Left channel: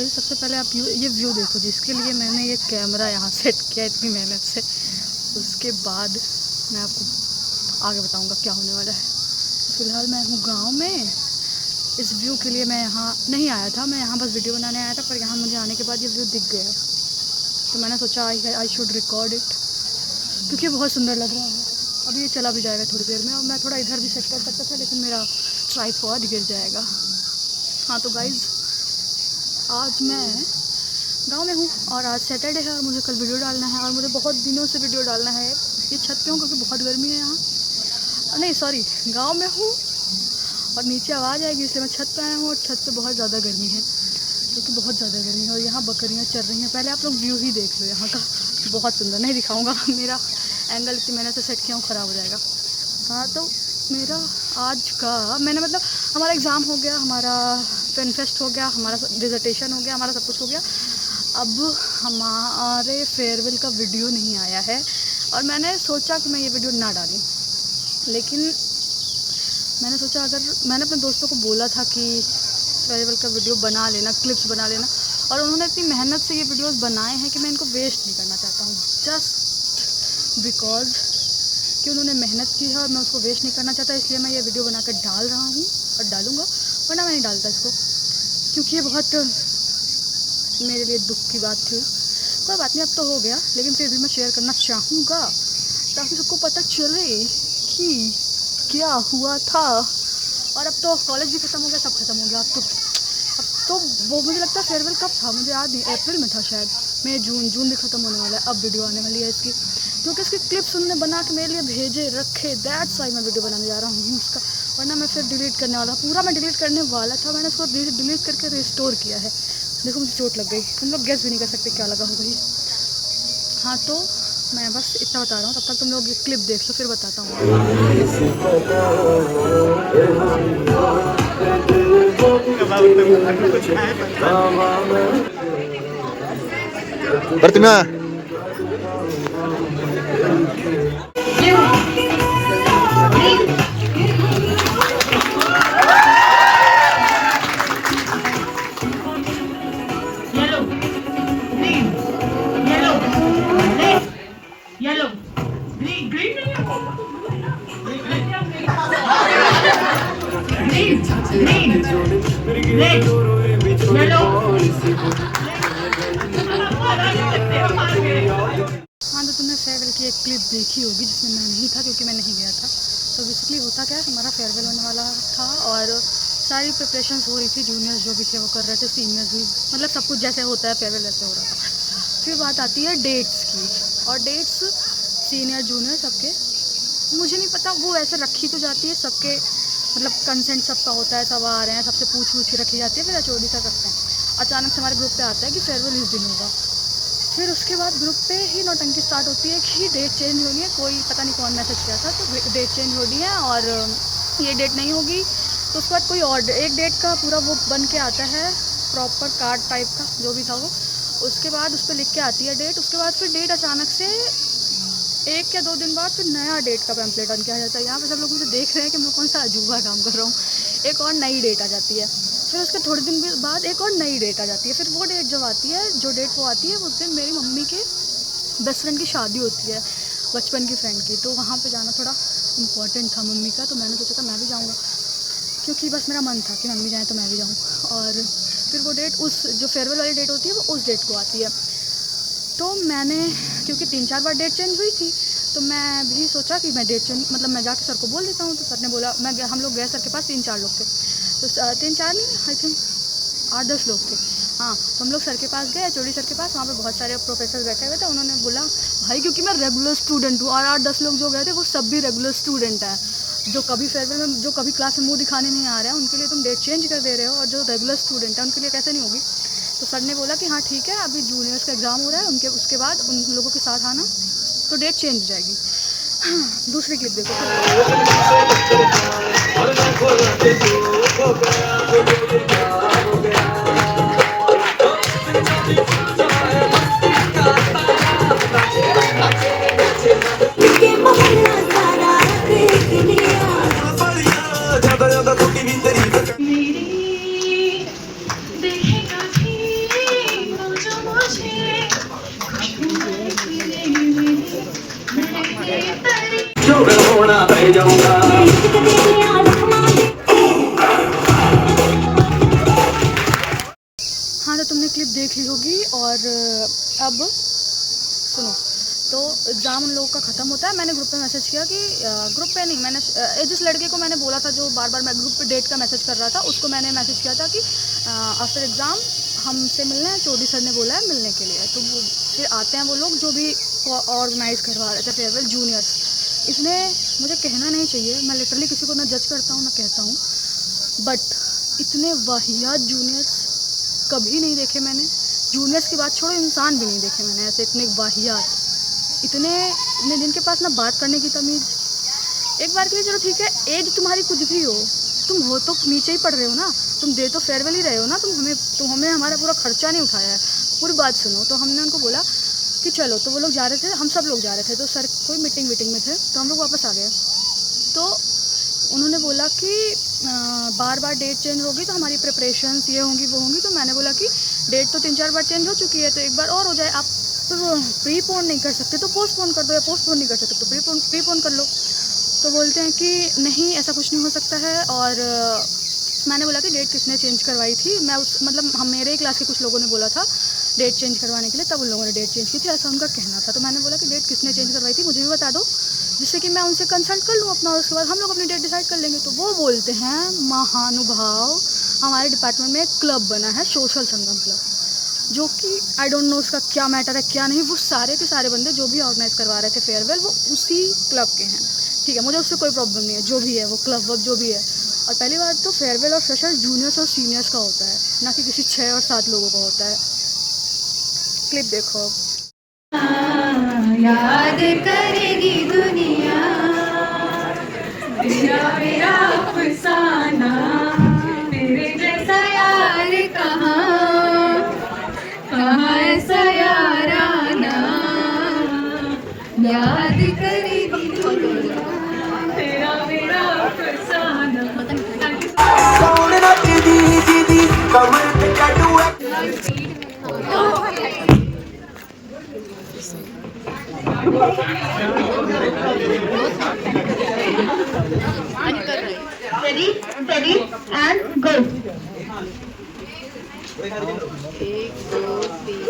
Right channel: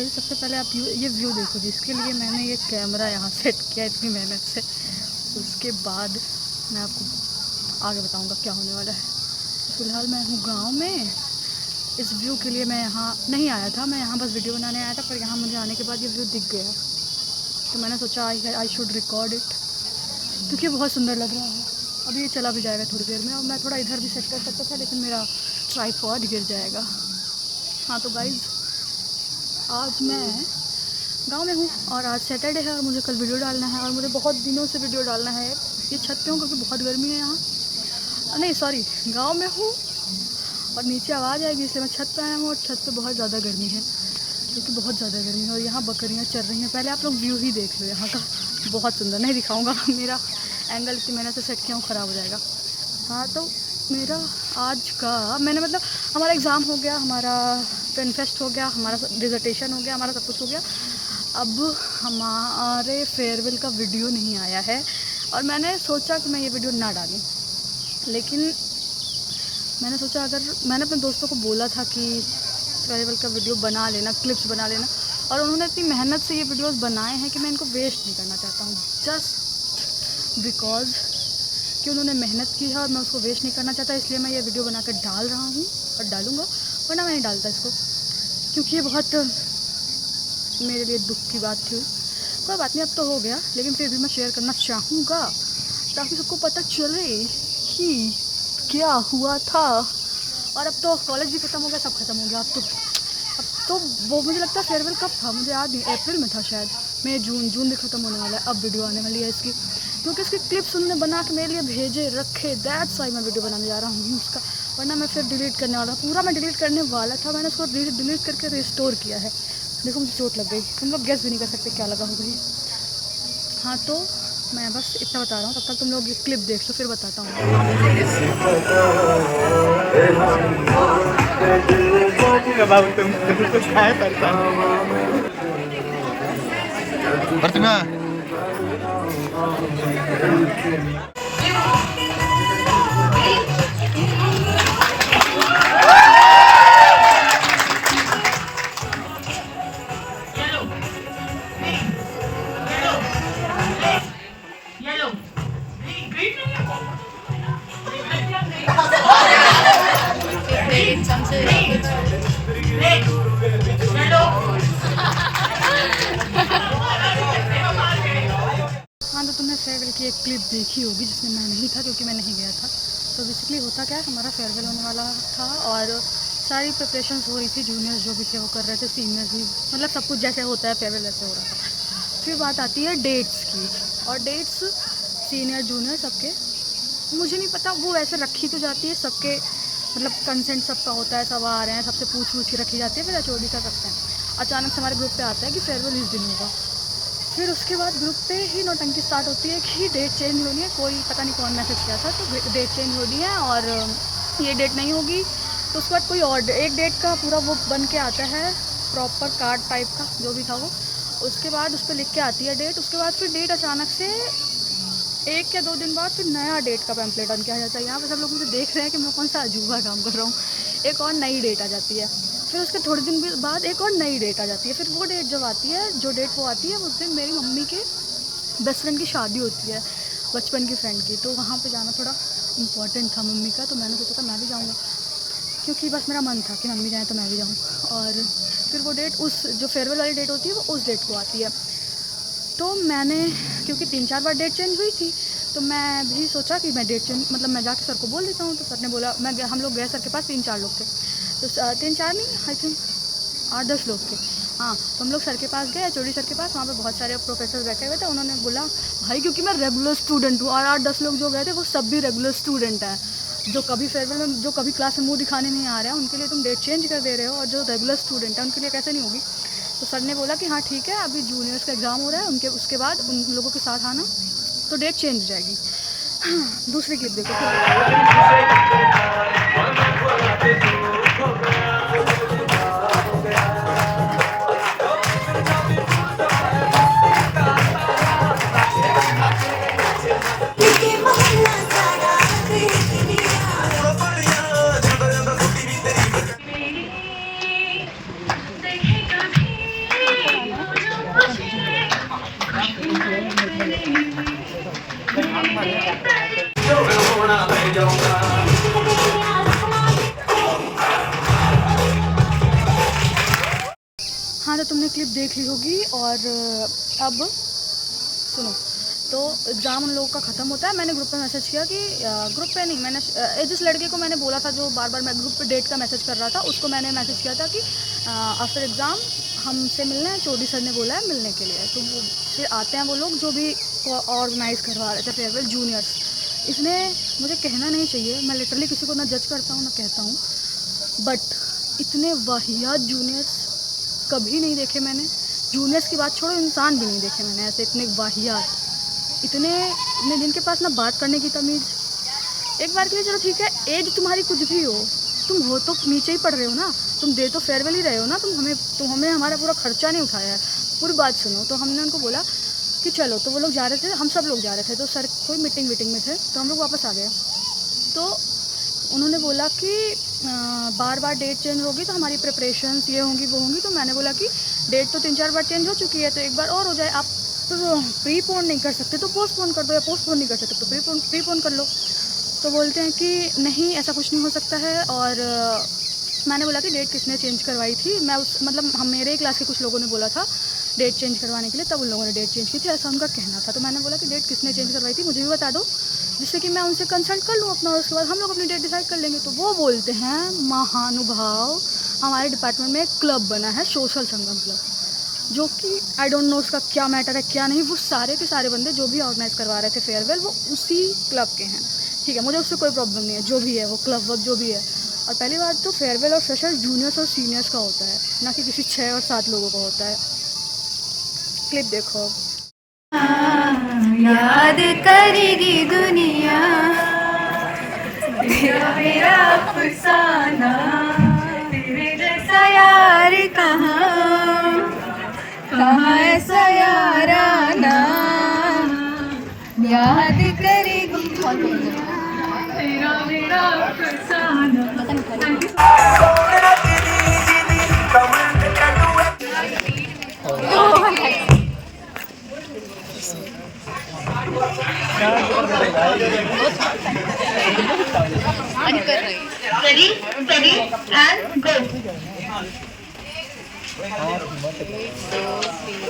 Guys सबसे पहले आप ये व्यू देखो, जिसके लिए मैंने ये कैमरा यहाँ सेट किया इतनी मेहनत से। उसके बाद मैं आपको आगे बताऊँगा क्या होने वाला है। फ़िलहाल मैं हूँ गांव में। इस व्यू के लिए मैं यहाँ नहीं आया था, मैं यहाँ बस वीडियो बनाने आया था, पर यहाँ मुझे आने के बाद ये व्यू दिख गया तो मैंने सोचा आई शुड रिकॉर्ड इट, क्योंकि बहुत सुंदर लग रहा है। अभी ये चला भी जाएगा थोड़ी देर में, और मैं थोड़ा इधर भी सेट कर सकता था, लेकिन मेरा ट्राइपॉड गिर जाएगा। हाँ तो गाइज़, आज मैं गांव में हूँ और आज सैटरडे है और मुझे कल वीडियो डालना है, और मुझे बहुत दिनों से वीडियो डालना है। ये छत पे हूँ क्योंकि बहुत गर्मी है यहाँ, नहीं सॉरी, गांव में हूँ और नीचे आवाज़ आएगी इसलिए मैं छत पे आया हूँ। और छत पे बहुत ज़्यादा गर्मी है, क्योंकि बहुत ज़्यादा गर्मी है और यहाँ बकरियाँ चर रही हैं। पहले आप लोग व्यू ही देख लो यहाँ का, बहुत सुंदर। नहीं दिखाऊँगा, मेरा एंगल इतनी मेहनत से सेट किया हूँ, ख़राब हो जाएगा। हाँ तो मेरा आज का मैंने मतलब हमारा एग्ज़ाम हो गया, हमारा पेन फेस्ट हो गया, हमारा डिसर्टेशन हो गया, हमारा सब कुछ हो गया। अब हमारे फेयरवेल का वीडियो नहीं आया है और मैंने सोचा कि मैं ये वीडियो ना डालूं, लेकिन मैंने सोचा अगर मैंने अपने दोस्तों को बोला था कि फेयरवेल का वीडियो बना लेना, क्लिप्स बना लेना, और उन्होंने इतनी मेहनत से ये वीडियोस बनाए हैं कि मैं इनको वेस्ट नहीं करना चाहता हूँ, जस्ट बिकॉज कि उन्होंने मेहनत की है और मैं उसको वेस्ट नहीं करना चाहता। इसलिए मैं ये वीडियो बनाकर डाल रहा हूँ और डालूँगा, वरना मैं नहीं डालता इसको, क्योंकि ये बहुत मेरे लिए दुख की बात थी। कोई बात नहीं, अब तो हो गया, लेकिन फिर भी मैं शेयर करना चाहूँगा ताकि सबको पता चले कि क्या हुआ था। और अब तो कॉलेज भी ख़त्म हो गया, सब खत्म हो गया। अब तो वो मुझे लगता है फेयरवेल कब था मुझे याद नहीं, अप्रैल में था शायद, मई जून भी ख़त्म होने वाला है। अब वीडियो आने वाली है इसकी, क्योंकि इसकी क्लिप्स उन्होंने बना के मेरे लिए भेजे रखे, दैट्स वाई मैं वीडियो बनाने जा रहा हूँ उसका, वरना मैं फिर डिलीट करने वाला था। पूरा मैं डिलीट करने वाला था, मैंने उसको डिलीट करके रिस्टोर किया है। देखो मुझे चोट लग गई, तुम लोग गेस भी नहीं कर सकते क्या लगा हो गई। हाँ तो मैं बस इतना बता रहा हूँ, तब तक तुम लोग ये क्लिप देख लो, फिर बताता हूँ। प्रतिमा हाँ तो तुमने फेयरवेल की एक क्लिप देखी होगी जिसमें मैं नहीं था, क्योंकि मैं नहीं गया था। तो बेसिकली होता क्या है, हमारा फेयरवेल होने वाला था और सारी प्रिपरेशंस हो रही थी। जूनियर्स जो भी थे वो कर रहे थे, सीनियर्स भी, मतलब सब कुछ जैसे होता है फेयरवेल वैसे हो रहा था। फिर बात आती है डेट्स की, और डेट्स सीनियर जूनियर सबके, मुझे नहीं पता, वो वैसे रखी तो जाती है सबके, मतलब कंसेंट सबका होता है, सब आ रहे हैं, सबसे पूछ के रखी जाती है, फिर एचओडी कर रखते हैं। अचानक से हमारे ग्रुप पे आता है कि फेयरवेल इस दिन होगा। फिर उसके बाद ग्रुप पे ही नौटंकी स्टार्ट होती है कि डेट चेंज होनी है। कोई पता नहीं कौन मैसेज किया था, तो डेट चेंज होनी है और ये डेट नहीं होगी। तो उसके बाद कोई और एक डेट का पूरा वो बन के आता है, प्रॉपर कार्ड टाइप का जो भी था वो। उसके बाद उस पर लिख के आती है डेट। उसके बाद फिर डेट अचानक से 1 या 2 दिन बाद फिर नया डेट का पैम्पलेट बन के आ जाता है। यहाँ पे सब लोग मुझे देख रहे हैं कि मैं कौन सा अजूबा काम कर रहा हूँ। एक और नई डेट आ जाती है, फिर उसके थोड़े दिन बाद एक और नई डेट आ जाती है। फिर वो डेट जब आती है, जो डेट वो आती है, उस दिन मेरी मम्मी के बेस्ट फ्रेंड की शादी होती है, बचपन की फ्रेंड की। तो वहाँ पे जाना थोड़ा इम्पॉर्टेंट था मम्मी का, तो मैंने सोचा था मैं भी जाऊँगा, क्योंकि बस मेरा मन था कि मम्मी जाए तो मैं भी जाऊँ। और फिर वो डेट, उस जो फेयरवेल वाली डेट होती है वो उस डेट को आती है। तो मैंने, क्योंकि 3-4 बार डेट चेंज हुई थी, तो मैं भी सोचा कि मैं डेट चेंज, मतलब मैं जाके सर को बोल देता हूँ। तो सर ने बोला, हम लोग गए सर के पास, 3-4 लोग थे, तो 3-4 नहीं, आई थिंक 8-10 लोग थे। हाँ तो हम लोग सर के पास गए, एचओडी सर के पास। वहाँ पे बहुत सारे प्रोफेसर बैठे हुए थे। उन्होंने बोला भाई, क्योंकि मैं रेगुलर स्टूडेंट हूँ और 8-10 लोग जो गए थे वो सब भी रेगुलर स्टूडेंट हैं, जो कभी फेयरवेल में, जो कभी क्लास में मुँह दिखाने नहीं आ रहे हैं, उनके लिए तुम डेट चेंज कर दे रहे हो, और जो रेगुलर स्टूडेंट है उनके लिए कैसे नहीं होगी। तो सर ने बोला कि हाँ ठीक है, अभी जूनियर्स का एग्ज़ाम हो रहा है, उसके बाद उन लोगों के साथ आना, तो डेट चेंज हो जाएगी। हाँ, दूसरी क्लिप देखो। हाँ तो तुमने क्लिप देख ली होगी। और अब सुनो, तो एग्ज़ाम उन लोगों का ख़त्म होता है। मैंने ग्रुप पे मैसेज किया कि ग्रुप पे नहीं, मैंने जिस लड़के को मैंने बोला था जो बार बार मैं ग्रुप पे डेट का मैसेज कर रहा था, उसको मैंने मैसेज किया था कि आफ्टर एग्ज़ाम हमसे मिलना है, चौधरी सर ने बोला है मिलने के लिए। तो वो फिर आते हैं वो लोग जो भी ऑर्गेनाइज़ करवा रहे थे फेयरवेल, जूनियर्स। इसने मुझे कहना नहीं चाहिए, मैं लिटरली किसी को ना जज करता हूँ ना कहता हूँ, बट इतने वाहियात जूनियर्स कभी नहीं देखे मैंने। जूनियर्स की बात छोड़ो, इंसान भी नहीं देखे मैंने ऐसे इतने वाहियात। इतने जिनके पास ना बात करने की तमीज़। एक बार के लिए चलो ठीक है, एज तुम्हारी कुछ भी हो, तुम हो तो नीचे ही पढ़ रहे हो ना, तुम दे तो फेयरवेल ही रहे हो ना, तुम हमें हमारा पूरा खर्चा नहीं उठाया है। पूरी बात सुनो। तो हमने उनको बोला कि चलो, तो वो लोग जा रहे थे, हम सब लोग जा रहे थे, तो सर कोई मीटिंग में थे, तो हम लोग वापस आ गए। तो उन्होंने बोला कि बार बार डेट चेंज होगी तो हमारी प्रिपरेशंस ये होंगी वो होंगी। तो मैंने बोला कि डेट तो 3-4 बार चेंज हो चुकी है, तो एक बार और हो जाए। आप तो प्रीपोन नहीं कर सकते तो पोस्टपोन कर दो, या पोस्टपोन नहीं कर सकते तो प्रीपोन कर लो। तो बोलते हैं कि नहीं ऐसा कुछ नहीं हो सकता है। और मैंने बोला कि डेट किसने चेंज करवाई थी। मैं मतलब हम मेरे क्लास के कुछ लोगों ने बोला था डेट चेंज करवाने के लिए, तब उन लोगों ने डेट चेंज की थी, ऐसा उनका कहना था। तो मैंने बोला कि डेट किसने चेंज करवाई थी मुझे भी बता दो, जिससे कि मैं उनसे कंसल्ट कर लूँ अपना, और उसके बाद हम लोग अपनी डेट डिसाइड कर लेंगे। तो वो बोलते हैं महानुभाव, हमारे डिपार्टमेंट में एक क्लब बना है, सोशल संगम क्लब, जो कि आई डोंट नो उसका क्या मैटर है क्या नहीं। वो सारे के सारे बंदे जो भी ऑर्गेनाइज़ करवा रहे थे फेयरवेल, वो उसी क्लब के हैं। ठीक है, मुझे उससे कोई प्रॉब्लम नहीं है, जो भी है वो क्लब वर्क जो भी है। और पहली बात तो फेयरवेल और फ्रेशर जूनियर्स और सीनियर्स का होता है, ना कि किसी 6 और 7 लोगों का होता है। क्लिप देखो। याद करेगी दुनिया मेरा अफसाना, तेरे जैसा यार कहाँ कहाँ ऐसा याराना, याद करेगी तेरा मेरा अफसाना। पता नहीं था कर रही। Ready ready and go. 1 2 3।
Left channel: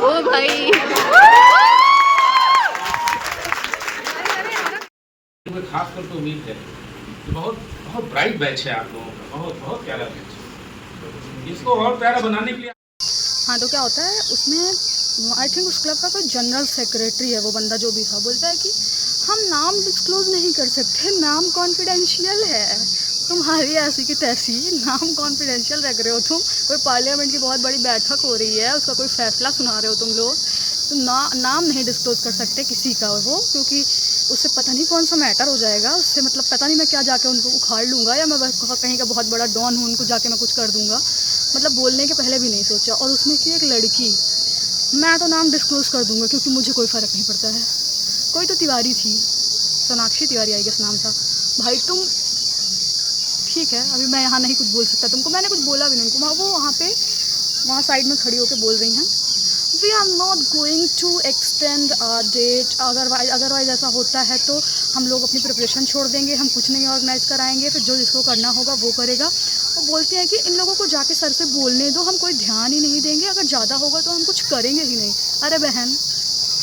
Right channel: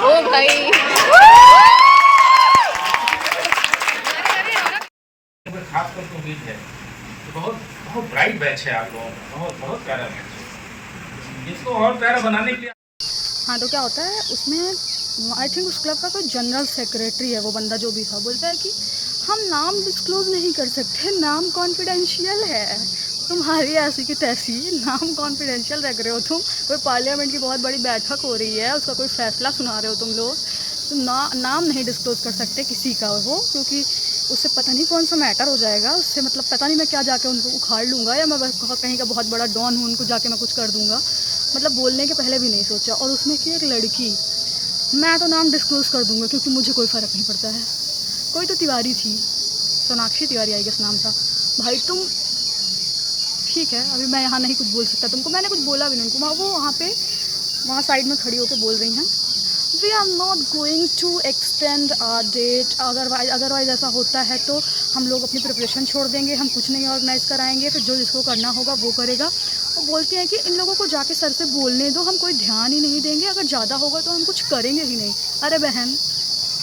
ओ भाई खास करके उम्मीद है कि बहुत बहुत ब्राइट बैच है आप लोगों का, बहुत बहुत प्यारा बैच है। इसको और प्यारा बनाने के लिए हाँ, तो क्या होता है उसमें, आई थिंक उस क्लब का कोई जनरल सेक्रेटरी है वो बंदा जो भी था, बोलता है कि हम नाम डिस्क्लोज नहीं कर सकते, नाम कॉन्फिडेंशियल है। तुम्हारी ऐसी की तैसी, नाम कॉन्फिडेंशियल रख रहे हो तुम। कोई पार्लियामेंट की बहुत बड़ी बैठक हो रही है, उसका कोई फैसला सुना रहे हो तुम लोग, तो नाम नहीं डिस्क्लोज कर सकते किसी का वो, क्योंकि उससे पता नहीं कौन सा मैटर हो जाएगा। उससे मतलब पता नहीं मैं क्या जाके उनको उखाड़ लूँगा, या मैं कहीं का बहुत बड़ा डॉन हूँ, उनको जाके मैं कुछ कर दूँगा। मतलब बोलने के पहले भी नहीं सोचा। और उसमें कि एक लड़की, मैं तो नाम डिस्क्लोज कर दूँगा क्योंकि मुझे कोई फ़र्क नहीं पड़ता है। कोई तो तिवारी थी, सोनाक्षी तिवारी आई गेस नाम था। भाई तुम ठीक है, अभी मैं यहाँ नहीं कुछ बोल सकता तुमको, मैंने कुछ बोला भी नहीं उनको। वो वहाँ साइड में खड़ी होकर बोल रही हैं, we are not going to extend our date, otherwise ऐसा होता है तो हम लोग अपनी प्रिपरेशन छोड़ देंगे, हम कुछ नहीं ऑर्गेनाइज़ कराएंगे, फिर जो जिसको करना होगा वो करेगा। और बोलती हैं कि इन लोगों को जाके सर से बोलने दो, हम कोई ध्यान ही नहीं देंगे, अगर ज़्यादा होगा तो हम कुछ करेंगे ही नहीं। अरे बहन,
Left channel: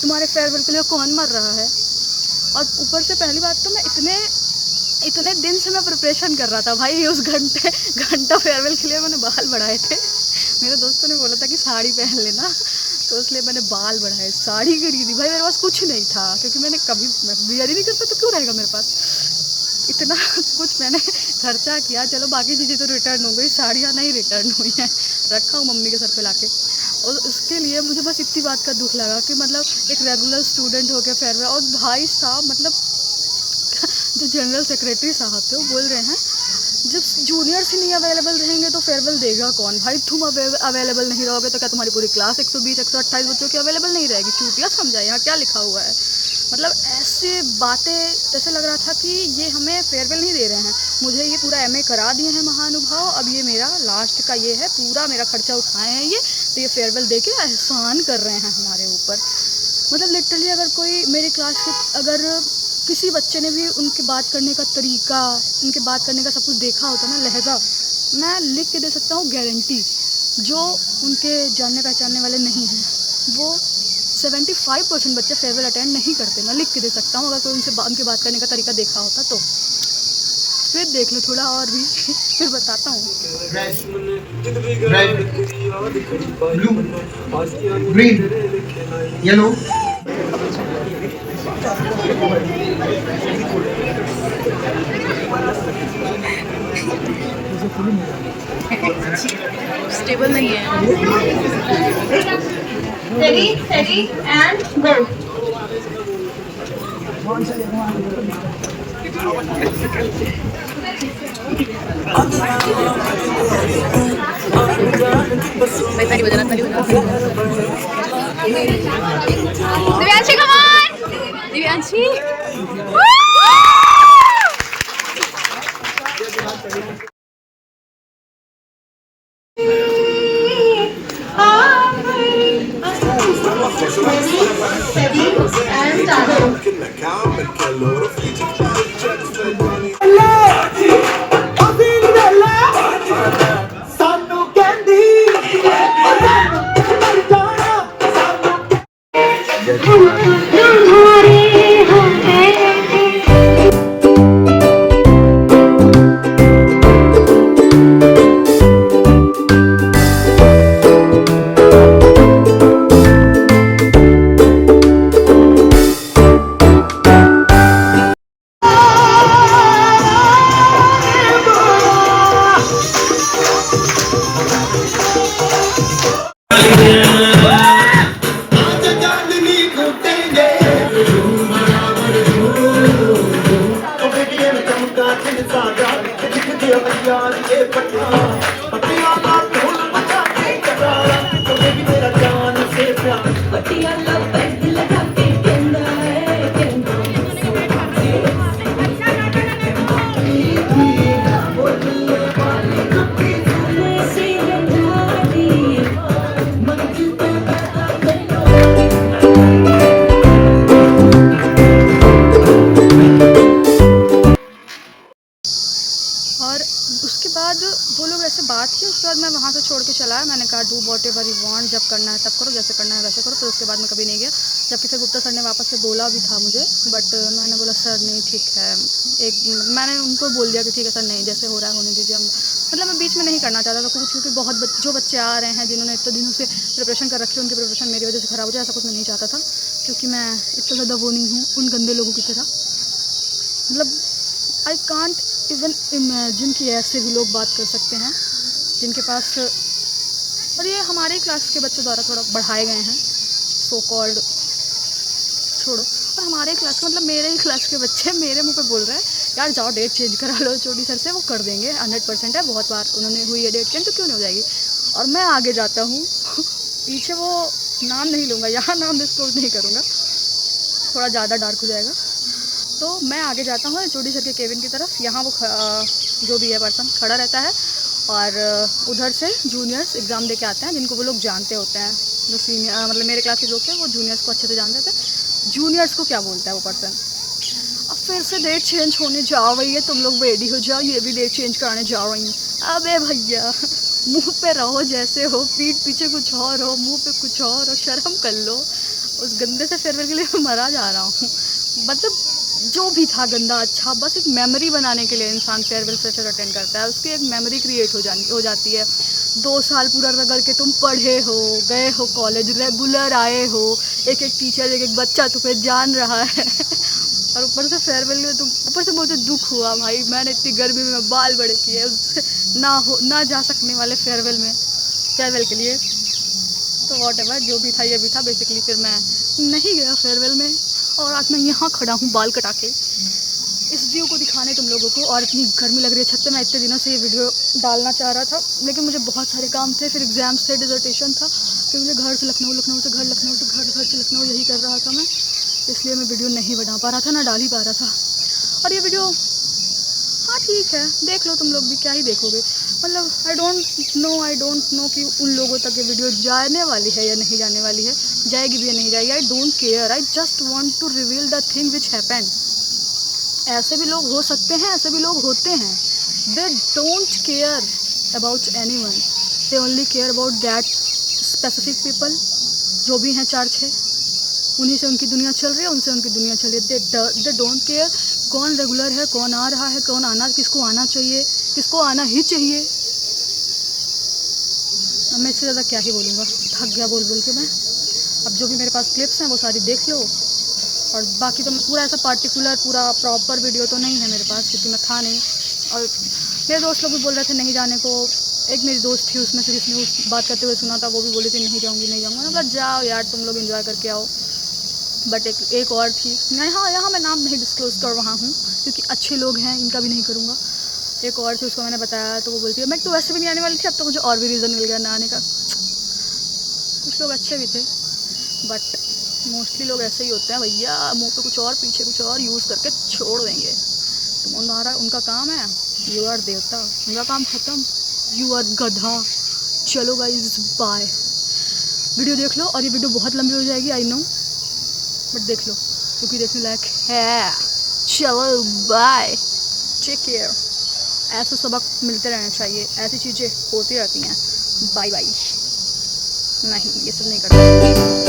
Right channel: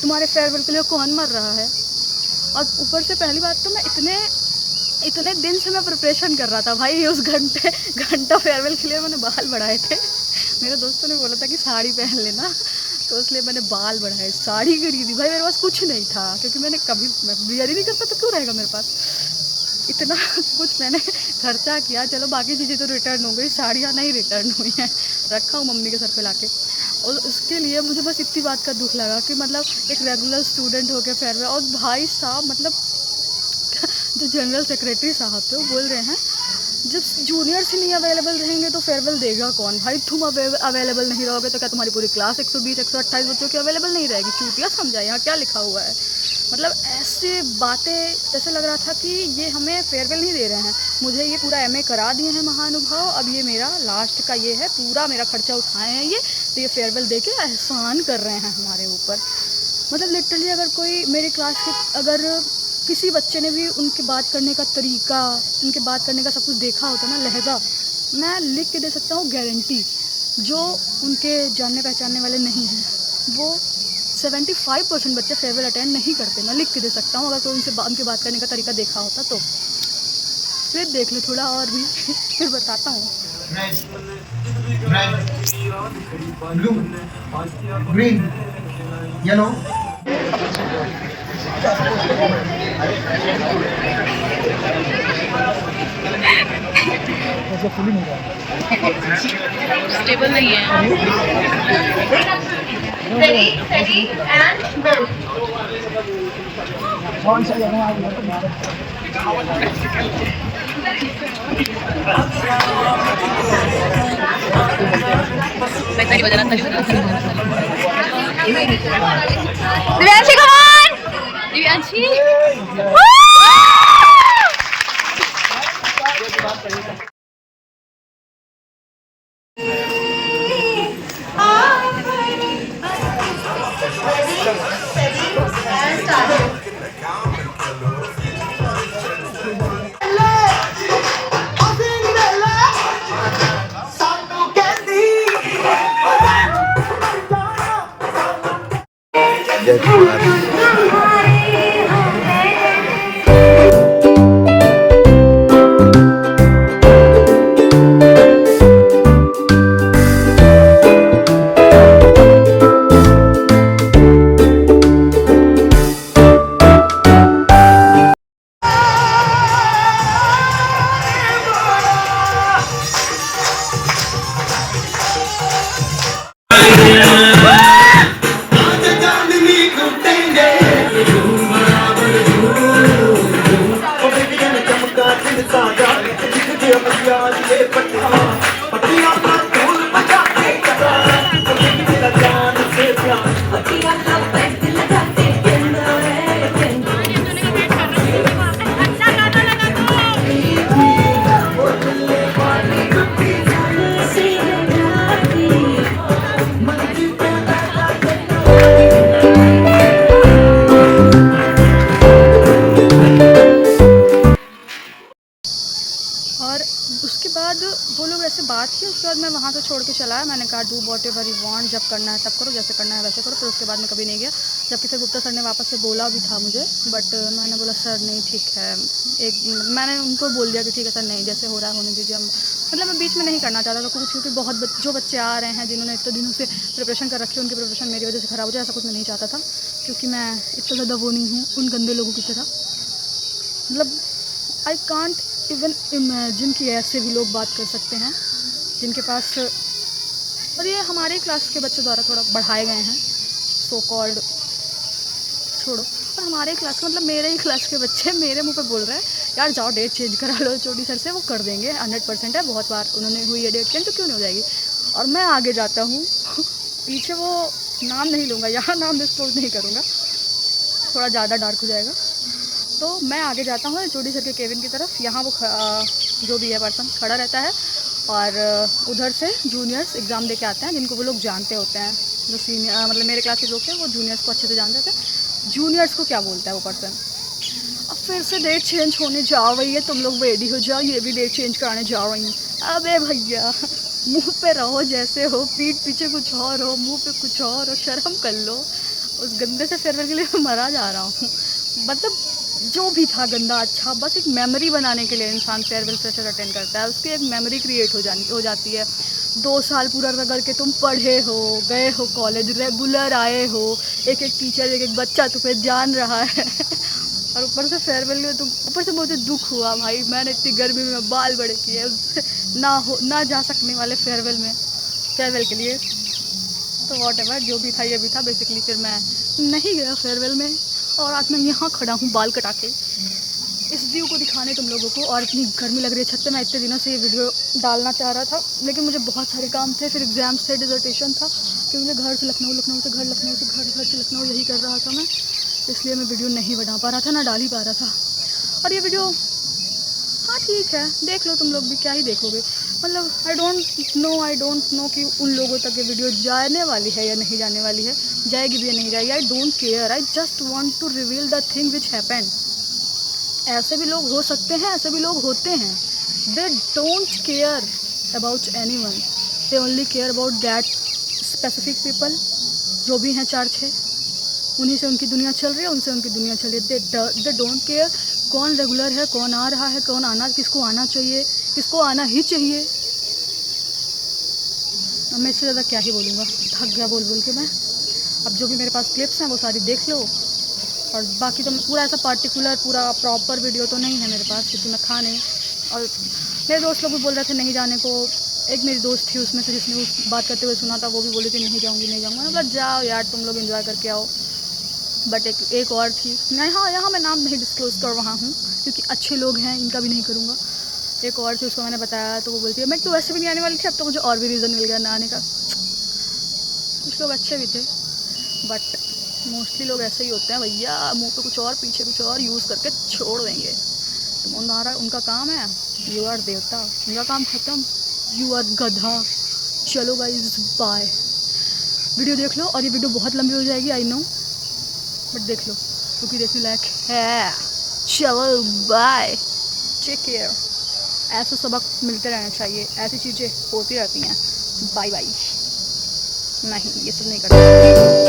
तुम्हारे फेयरवेल के लिए कौन मर रहा है? और ऊपर से पहली बात तो मैं इतने दिन से मैं प्रिपरेशन कर रहा था भाई। उस घंटा फेयरवेल के लिए मैंने बाल बढ़ाए थे। मेरे दोस्तों ने बोला था कि साड़ी पहन लेना, तो इसलिए मैंने बाल बढ़ाए, साड़ी खरीदी। भाई मेरे पास कुछ नहीं था, क्योंकि मैं बियर ही नहीं करता तो क्यों रहेगा मेरे पास। इतना कुछ मैंने खर्चा किया, चलो बाकी चीज़ें तो रिटर्न हो गई, साड़ियाँ नहीं रिटर्न हुई हैं, रखा हूँ मम्मी के सर पे लाके। और उसके लिए मुझे बस इतनी बात का दुख लगा कि मतलब एक रेगुलर स्टूडेंट हो गया फेयरवेल, और भाई साहब मतलब जो जनरल सेक्रेटरी साहब थे वो बोल रहे हैं जब जूनियर्स ही नहीं अवेलेबल रहेंगे तो फेयरवेल देगा कौन? भाई तुम अवेलेबल नहीं रहोगे तो क्या तुम्हारी पूरी क्लास 120-128 बच्चों की अवेलेबल नहीं रहेगी? चूतिया समझा, यहाँ क्या लिखा हुआ है? मतलब ऐसे बातें, जैसे लग रहा था कि ये हमें फेयरवेल नहीं दे रहे हैं। मुझे ये पूरा एमए करा दिए हैं महानुभाव, अब ये मेरा लास्ट का ये है, पूरा मेरा खर्चा उठाए हैं ये, तो ये फेयरवेल दे के एहसान कर रहे हैं हमारे ऊपर। मतलब लिटरली अगर कोई मेरी क्लास के अगर किसी बच्चे ने भी उनके बात करने का तरीका, उनके बात करने का सब कुछ देखा होता ना, लहजा, मैं लिख के दे सकता हूँ गारंटी। जो उनके जानने पहचानने वाले नहीं हैं वो 75% बच्चे फेयरवेल अटेंड नहीं करते, मैं लिख के दे सकता हूँ। अगर कोई उनके बात करने का तरीका देखा होता तो फिर देख लो थोड़ा और भी फिर बताता हूँ। Red, blue, green, yellow. Stable नहीं है। Ready, steady, and go. भाई ताली बजाना, ताली बजाना, ताली बजाना, ताली बजाना। दिव्यांशी कौन? Divyanshi Ready, steady, and start. और उसके बाद वो लोग ऐसे बात की, उसके बाद मैं वहाँ से छोड़ के चला। मैंने कहा do what ever you want, जब करना है तब करो, जैसे करना है वैसे करो। फिर उसके बाद मैं कभी नहीं गया, जबकि फिर गुप्ता सर ने वापस से बोला भी था मुझे, बट मैंने बोला सर नहीं ठीक है। मैंने उनको बोल दिया कि ठीक है सर, नहीं जैसे हो रहा है होने दीजिए। मतलब मैं बीच में नहीं करना चाहता था कुछ, क्योंकि बहुत जो बच्चे आ रहे हैं जिन्होंने इतने दिनों से प्रिपरेशन कर रखी है, उनकी प्रिपरेशन मेरी वजह से ख़राब हो जाए, ऐसा कुछ मैं नहीं चाहता था। क्योंकि मैं इतना ज़्यादा वो नहीं हूँ उन गंदे लोगों की तरह। मतलब आई कांट इवन इमेजिन कि ऐसे भी लोग बात कर सकते हैं जिनके पास, और ये हमारे क्लास के बच्चों द्वारा थोड़ा बढ़ाए गए हैं सो कॉल्ड, छोड़ो। और हमारे क्लास का मतलब मेरे ही क्लास के बच्चे मेरे मुंह पे बोल रहे हैं यार जाओ डेट चेंज करा लो चोटी सर से, वो कर देंगे 100% है, बहुत बार उन्होंने हुई है डेट चेंज तो क्यों नहीं हो जाएगी। और मैं आगे जाता हूँ पीछे वो नाम नहीं लूँगा, यहाँ नाम डिस्क्लोज नहीं करूँगा, थोड़ा ज़्यादा डार्क हो जाएगा। तो मैं आगे जाता हूँ चोटी सर के केबिन की तरफ। यहाँ वो जो भी है पर्सन खड़ा रहता है और उधर से जूनियर्स एग्ज़ाम दे के आते हैं, जिनको वो लोग जानते होते हैं। जो सीनियर मतलब मेरे क्लास के लोग थे वो जूनियर्स को अच्छे से जानते थे। जूनियर्स को क्या बोलता है वो पर्सन, अब फिर से डेट चेंज होने जा रही है, तुम लोग रेडी हो जाओ, ये भी डेट चेंज कराने जा रही हैं। अबे भैया मुंह पे रहो जैसे हो, पीठ पीछे कुछ और हो, मुंह पे कुछ और हो, शर्म कर लो। उस गंदे से फेयरवेल के लिए मैं मरा जा रहा हूँ। मतलब जो भी था गंदा अच्छा, बस एक मेमोरी बनाने के लिए इंसान फेयरवेल फ्रेशर अटेंड करता है, उसकी एक मेमोरी क्रिएट हो जाती है। 2 साल पूरा रगड़ के तुम पढ़े हो, गए हो कॉलेज, रेगुलर आए हो, एक एक टीचर एक एक बच्चा तुम्हें जान रहा है और ऊपर से फेयरवेल में तुम, ऊपर से मुझे दुख हुआ भाई, मैंने इतनी गर्मी में बाल बड़े किए ना जा सकने वाले फेयरवेल के लिए। तो वॉट एवर जो भी था ये भी था बेसिकली। फिर मैं नहीं गया फेयरवेल में और आज मैं यहाँ खड़ा हूँ बाल कटा के इस व्यू को दिखाने तुम लोगों को। और इतनी गर्मी लग रही है छत पे। मैं इतने दिनों से ये वीडियो डालना चाह रहा था, लेकिन मुझे बहुत सारे काम थे, फिर एग्ज़ाम्स थे, डिसर्टेशन था, क्योंकि मुझे घर से लखनऊ, लखनऊ से घर, लखनऊ से घर, घर से लखनऊ यही कर रहा था मैं, इसलिए मैं वीडियो नहीं बना पा रहा था, ना डाल ही पा रहा था। और ये वीडियो हाँ ठीक है, देख लो तुम लोग भी, क्या ही देखोगे। मतलब आई डोंट नो कि उन लोगों तक ये वीडियो जाने वाली है या नहीं जाने वाली है, जाएगी भी या नहीं जाएगी, I don't care. I just want to reveal the thing which happened. ऐसे भी लोग हो सकते हैं, ऐसे भी लोग होते हैं। They don't care about any one, they only care about that specific people, जो भी हैं 4-6, उन्हीं से उनकी दुनिया चल रही है, उनसे उनकी दुनिया चल रही है। दे डोंट केयर कौन रेगुलर है, कौन आ रहा है, कौन आना, किसको आना चाहिए, किसको आना ही चाहिए। अब मैं इससे ज़्यादा क्या ही बोलूँगा, थक गया बोल बोल के मैं। अब जो भी मेरे पास क्लिप्स हैं वो सारी देख लो, और बाकी तो पूरा ऐसा पार्टिकुलर पूरा प्रॉपर वीडियो तो नहीं है मेरे पास, क्योंकि मैं था नहीं। और मेरे दोस्त लोग भी बोल रहे थे नहीं जाने को। एक मेरी दोस्त थी उसमें से जिसने उस बात करते हुए सुना था, वो भी बोली थी नहीं जाऊँगी नहीं जाऊँगा। मतलब जाओ यार, तुम लोग एंजॉय करके आओ। बट एक और थी, मैं यहाँ मैं नाम नहीं डिस्क्लोज़ कर रहा हूँ क्योंकि अच्छे लोग हैं, इनका भी नहीं करूँगा। एक और थी, उसको मैंने बताया तो वो बोलती है मैं तो वैसे भी नहीं आने वाली थी, अब तो मुझे और भी रीज़न मिल गया ना आने का। कुछ लोग अच्छे भी थे, बट मोस्टली लोग ऐसे ही होते हैं भैया, मुंह पे कुछ और पीछे कुछ और यूज़ करके छोड़ देंगे। तुम उनका काम है, यू आर देवता, उनका काम ख़त्म, यू आर गधा। चलो गाइस बाय। वीडियो देख लो, और ये वीडियो बहुत लंबी हो जाएगी आई नो, बट देख लो क्योंकि देखने लायक है। चलो बाय, टेक केयर। ऐसे सबक मिलते रहने चाहिए, ऐसी चीज़ें होती रहती हैं। Bye bye. नहीं, ये सब नहीं करना।